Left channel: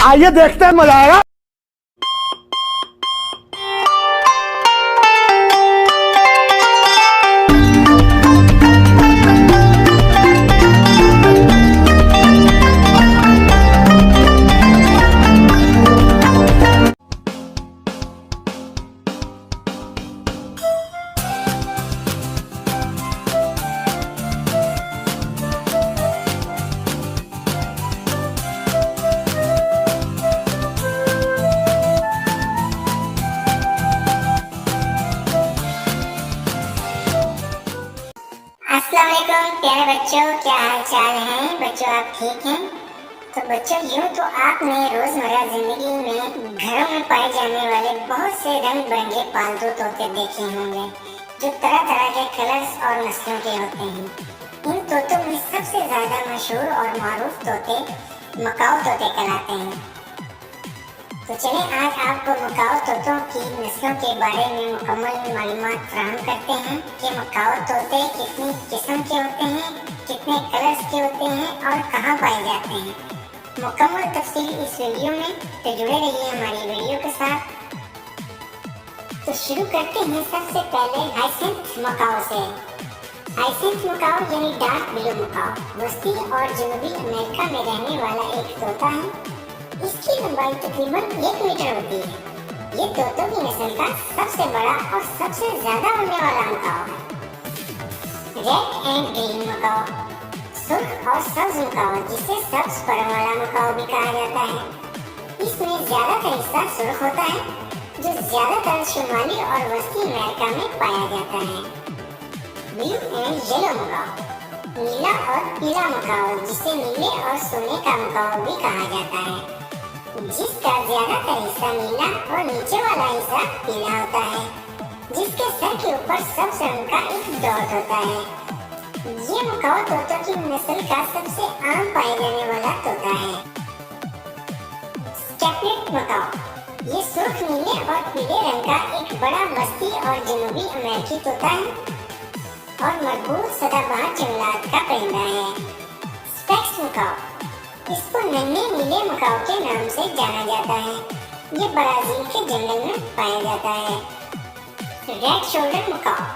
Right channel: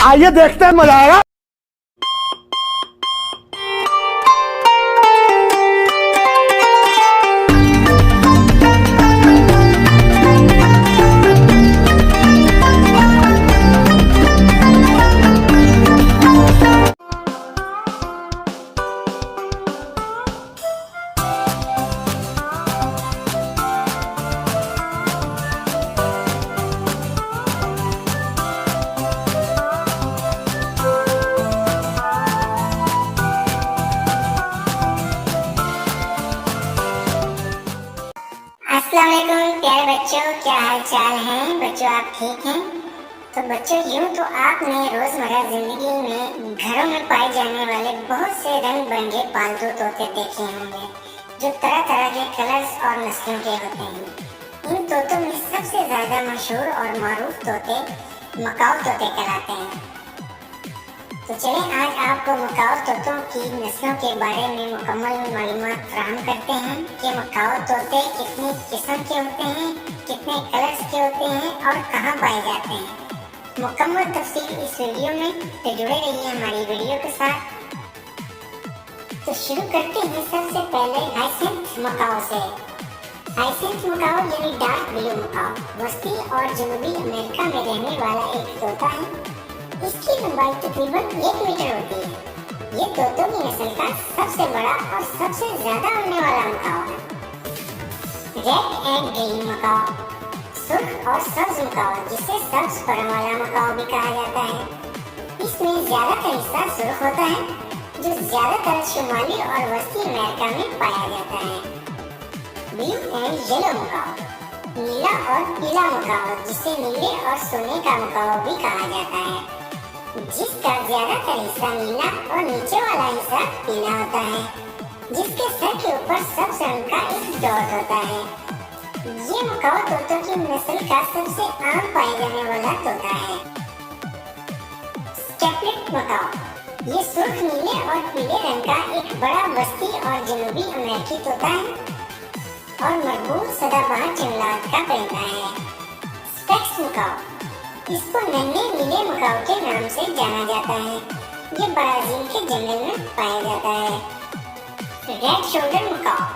आइए देखते हैं, मजा आएगा। अस्सलाम वालेकुम प्यारे बच्चों, क्या हाल चाल है बच्चों? आप ठीक हैं? तो बच्चों, यूँ तो आपने रोज़मर्रा ज़िंदगी में घरों में पाए जाने वाले बहुत से रंग बिरंगे पालतू तोते देखे होंगे जो तरह तरह के कलर्स और नस्लों के होते हैं। इन तोतों में सबसे ज़्यादा मशहूर और मारूफ तोते मकाओ तोते कहलाते हैं। तो चलें आज आपको मकाओ तोतों की नस्लों के बारे में मुकम्मल मालूमात फराहम करते हैं कि मकाओ तोते कितनी किस्म के होते हैं, कितने कलर्स के होते हैं और कहाँ पाए जाते हैं। मुकम्मल तफसील इस वीडियो में, तो जुड़े रहिए हमारी वीडियो के साथ। तो शुरू करते हैं सबसे पहले हाइसेंथ मकाओ से। हाइसेंथ मकाओ यानी डार्क ब्लू मकाओ वस्ती और जनूबी अमेरिका में रहने वाला एक तोता है। इसकी लंबाई तकरीबन 1 मीटर होती है। ये तोतों की नस्ल का सबसे बड़ा और सबसे ज्यादा उड़ने वाला मकाओ है। रेड एंड ग्रीन मकाओ, सुर्ख और सब्ज मकाओ जिसे सब्ज पर वाला मकाओ भी कहा जाता है। इसमें ज्यादातर हिस्सा सुर्ख होता है जो ज्यादातर शुमाली और वस्ती अमेरिका में पाया जाता है। ब्लू एंड येलो मकाओ, नीला और पीला मकाओ जिसे नीले और सोने का मकाओ भी कहा जाता है, जिसका ज्यादातर हिस्सा नीला और नीचे वाला हिस्सा पीला होता है, जिसके सर के ऊपर सब्ज रंग का एक डॉट होता है। ये मकाओ तोतों की नस्ल का सबसे आम पाए जाने वाला तोता है। स्टेपलेट मकाओ, ये सुर्ख नीले और पीले रंग का एक बड़ा वस्ती और जनूबी अमेरिकी तोता है और मरबूत सदाबहार जंगलात का परिंदा है। स्पेक्स मकाओ, इसको नन्हे नीले मकाओ के नाम से जाना जाता है। ये ब्राजील के जंगल में पाया जाता है। रेड शोल्डर मकाओ,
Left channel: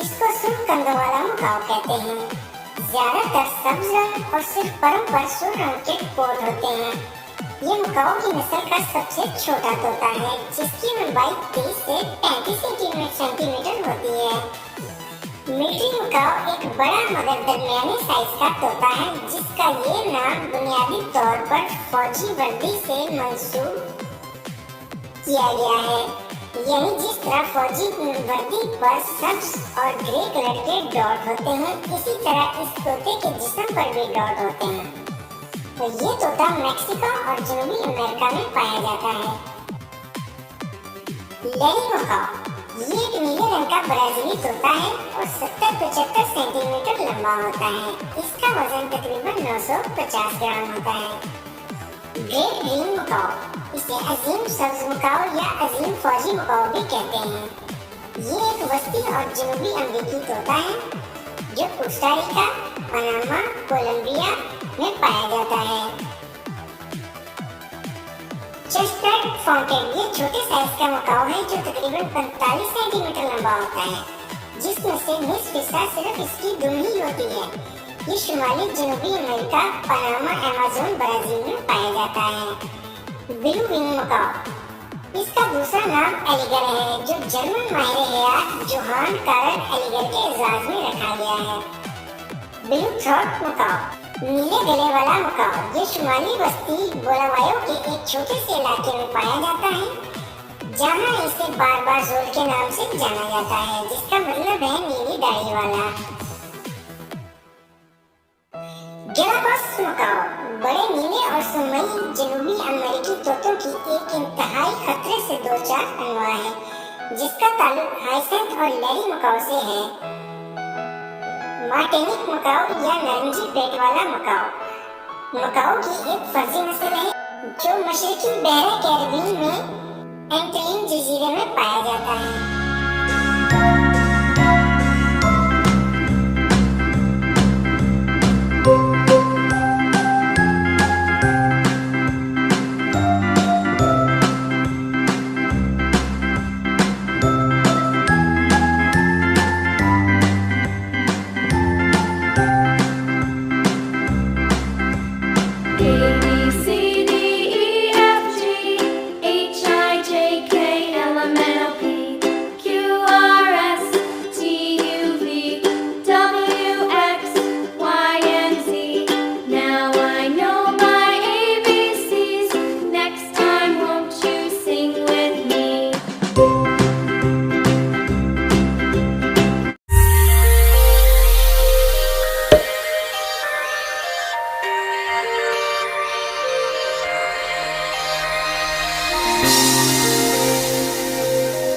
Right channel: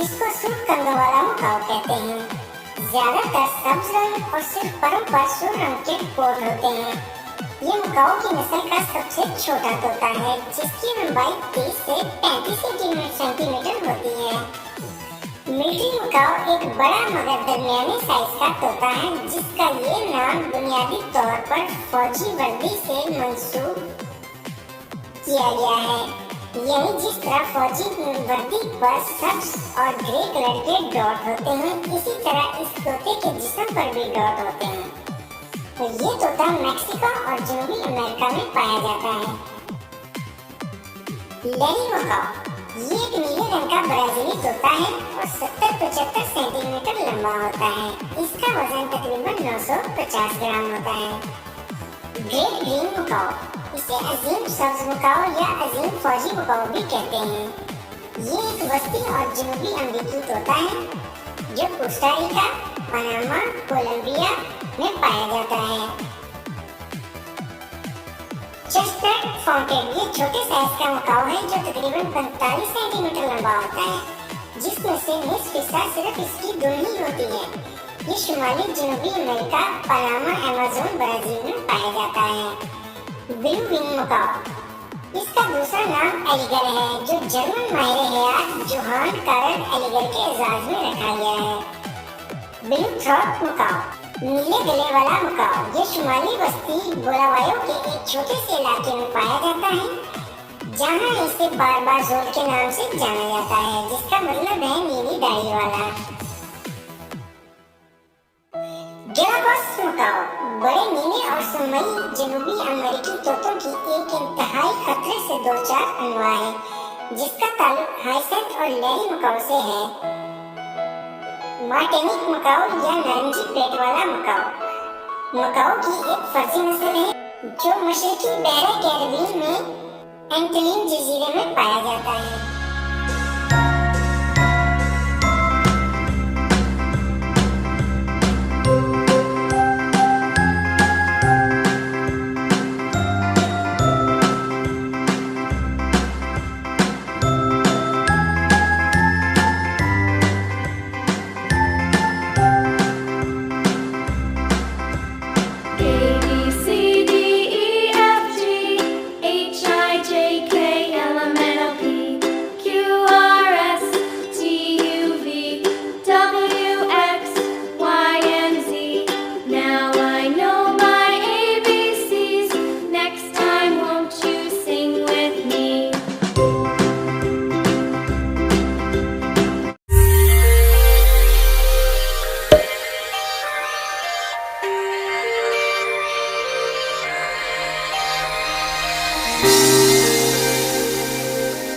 इसको सुर्ख कंधों वाला मकाओ कहते हैं। ज्यादातर सब्ज रंग और सिर्फ परों पर सुर्ख रंग के कोट होते हैं। ये मकाओ की नस्ल का सबसे छोटा तोता है जिसकी लंबाई 30 से 35 सेंटीमीटर होती है। मिलिट्री मकाओ एक बड़ा मगर दरमियाने साइज का तोता है जिसका ये नाम बुनियादी तौर पर फौजी वर्दी से मंसूब किया गया है। यानी जिस तरह फौजी वर्दी पर सब्ज और ग्रे कलर के डॉट होते हैं, इसी तरह इस तोते के जिस्म पर भी डॉट होते हैं। तो ये तोता मैक्सिको और जनूबी अमेरिका में पाया जाता है। लेरी मकाओ, ये एक नीले रंग का ब्राजीली तोता है और 70-75 सेंटीमीटर लंबा होता है। इसका वजन तकरीबन 950 ग्राम होता है। ग्रेट ग्रीन मकाओ, इसे अजीम सब्ज मकाओ या अजीम फौजी मकाओ भी कहते हैं। ये एक वस्ती और जनूबी अमेरिकी तोता है जो कोस्टा रिका, पनामा, कोलंबिया में पाया जाता है। चेस्टनट फाउंटेन, ये छोटे साइज का मकाओ है जो तकरीबन 45 सेंटीमीटर लंबा होता है, जिसमें से निस्फ हिस्सा सिर्फ इसकी दुम ही होती है। ये शुमाली जनूबी अमेरिका, पनामा, अमेज़न, ब्राजील में पाया जाता है। ब्लू विंग मकाओ, इसका दूसरा नाम एलिगर है जो जर्मन माहिर हयात जोहान कारल एलिगर के एजाज में रखा गया है। ब्लू थ्रोट मकाओ, नीले गले वाला मकाओ, ये शुमाली बस्ती बोलावायो के एक छोटे से इलाके में पाया जाता है जहां इसे बार जोल के नाम से जाना जाता है, जिसका मतलब है नीली दाढ़ी वाला। गैलापागोस मकाओ, बड़े नीले और सुरमई जनूबी अमेरिकी तोतों की एक इंतहाई खतरे से दो चार अनवा है जिसका ताल्लुक हाइसेंथ और लेरी मकाओ से है। मार्टिनिक मकाओ या नारंगी पेट वाला मकाओ, मकाओ की एक फर्जी नस्ल है जो मशरकी बहरा कैरिबियन में एंटीलियन जजीरे में पाया जाता है।